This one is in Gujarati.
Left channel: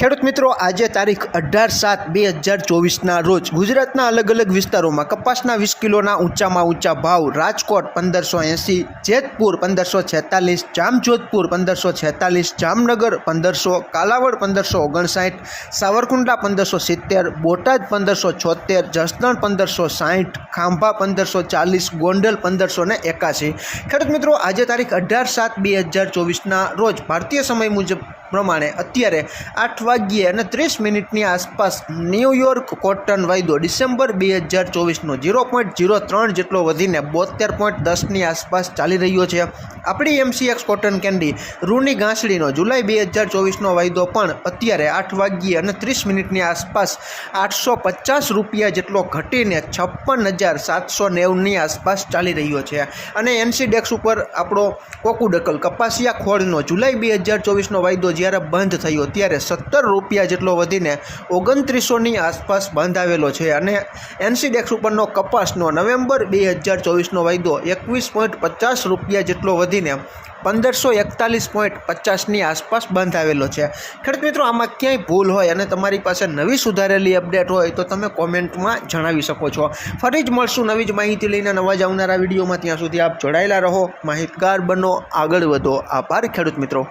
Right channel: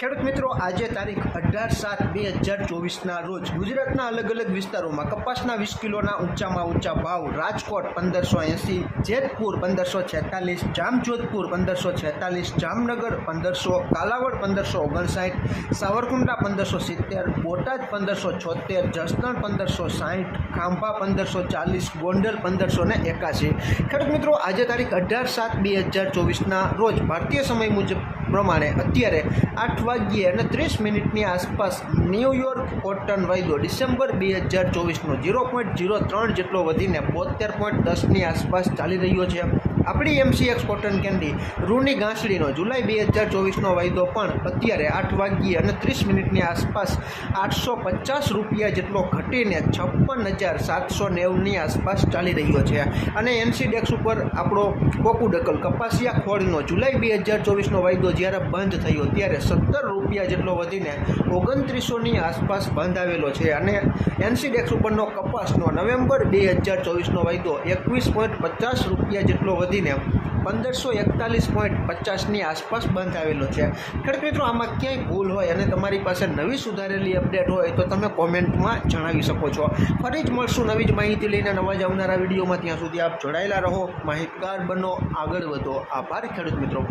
ખેડૂત મિત્રો, આજે તારીખ અઢાર સાત બે હજાર ચોવીસના રોજ ગુજરાતના અલગ અલગ વિસ્તારોમાં કપાસના વીસ કિલોના ઊંચામાં ઊંચા ભાવ, રાજકોટ પંદરસો એંસી, જેતપુર પંદરસો છેતાલીસ, જામજોધપુર પંદરસો છેતાલીસ, જામનગર પંદરસો, કાલાવડ પંદરસો ઓગણસાઠ, સાવરકુંડલા પંદરસો સિત્તેર, બોટાદ પંદરસો છોતેર, જસદણ પંદરસો સાઠ, ખાંભા પંદરસો ચાલીસ, ગોંડલ પંદરસો ને એકાસી ખેડૂત મિત્રો, આજે તારીખ અઢાર સાત બે હજાર ચોવીસના રોજ ભારતીય સમય મુજબ પ્રમાણે અત્યારે આઠ વાગ્યે અને ત્રીસ મિનિટની આસપાસ ન્યૂયોર્ક કોટન વાયદો ડિસેમ્બર બે હજાર ચોવીસનો ઝીરો પોઈન્ટ ઝીરો ત્રણ જેટલો વધીને બોતેર પોઈન્ટ દસની આસપાસ ચાલી રહ્યો છે. આપણી એમસીએક્સ કોટન કેન્ડી રૂની ઘાસડીનો જુલાઈ બે હજાર ચોવીસનો વાયદો પણ અત્યારે આઠ વાગ્યે અને ત્રીસ મિનિટની આસપાસ આઠસો પચાસ રૂપિયા જેટલો ઘટીને છપ્પન હજાર સાતસો નેવુંની આસપાસ ચાલી રહ્યો છે. અને એનસી ડેક્સ ઉપર આપણો કોકુડકલ કપાસિયા ખોળનો જુલાઈ બે હજાર ચોવીસનો વાયદો જ્યારે બંધ થયો, ત્યારે સત્તર રૂપિયા જેટલો વધીને ઓગણત્રીસોની આસપાસ બંધ આવેલો છે અને એનસીડેક્સ ઉપરનો કપાસનો નવેમ્બર બે હજાર ચોવીસનો વાયદો એકવીસ પોઈન્ટ પચાસ રૂપિયા જેટલો વધીને પંદરસો એકતાલીસ પોઈન્ટ પચાસની આસપાસ બંધ આવેલો છે. ખેડૂત મિત્રો, આમાં ક્યાંય ભૂલ હોય અને તમારી પાસે નવી સુધારેલી અપડેટ હોય તો તમે કોમેન્ટમાં જણાવી શકો છો. ફરી જ મળશું નવી જ માહિતી લઈને નવા જ આવનારા વિડીયોમાં. ત્યાં સુધી આપ જોડાયેલા રહો. માહિતગાર બનો, આગળ વધો. આભાર ખેડૂત મિત્રો.